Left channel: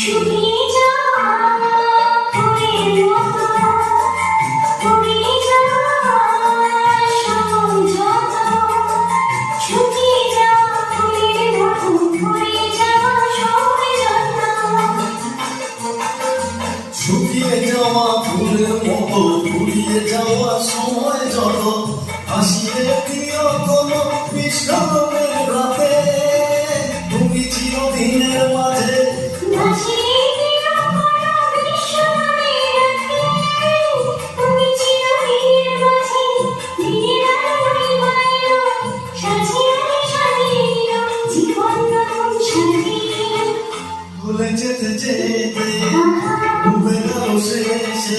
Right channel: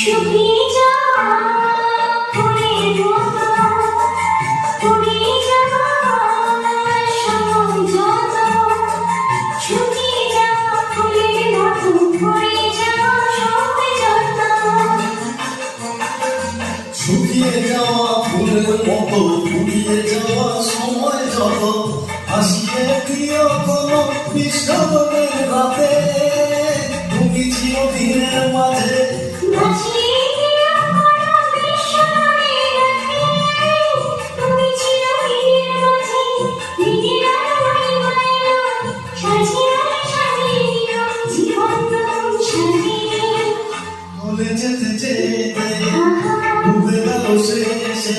শুকিয়ে যাওয়া ফুলের মতো, ফুরিয়ে যাওয়া সময় যত, শুকিয়ে যাওয়া ফুলের মতো, ফুরিয়ে যাওয়া সময় যত। শুকিয়ে যাওয়া ফুলের মতো, ফুরিয়ে যাওয়া সময় যত, হাসিয়ে প্রিয় কোনো বিস্মরণের রাতে, তুমি চিরদিনের মাঝে ভাসিয়ে দিও কোনো বিস্মরণের রাতে, তুমি চিরদিনের মাঝে দিনের আলোয় মায়া, সাজিয়ে সাজিয়ে দিও জীবন নতুন সাজিয়ে। ভুলে যেতে যেতে ডুবে গেল শেষে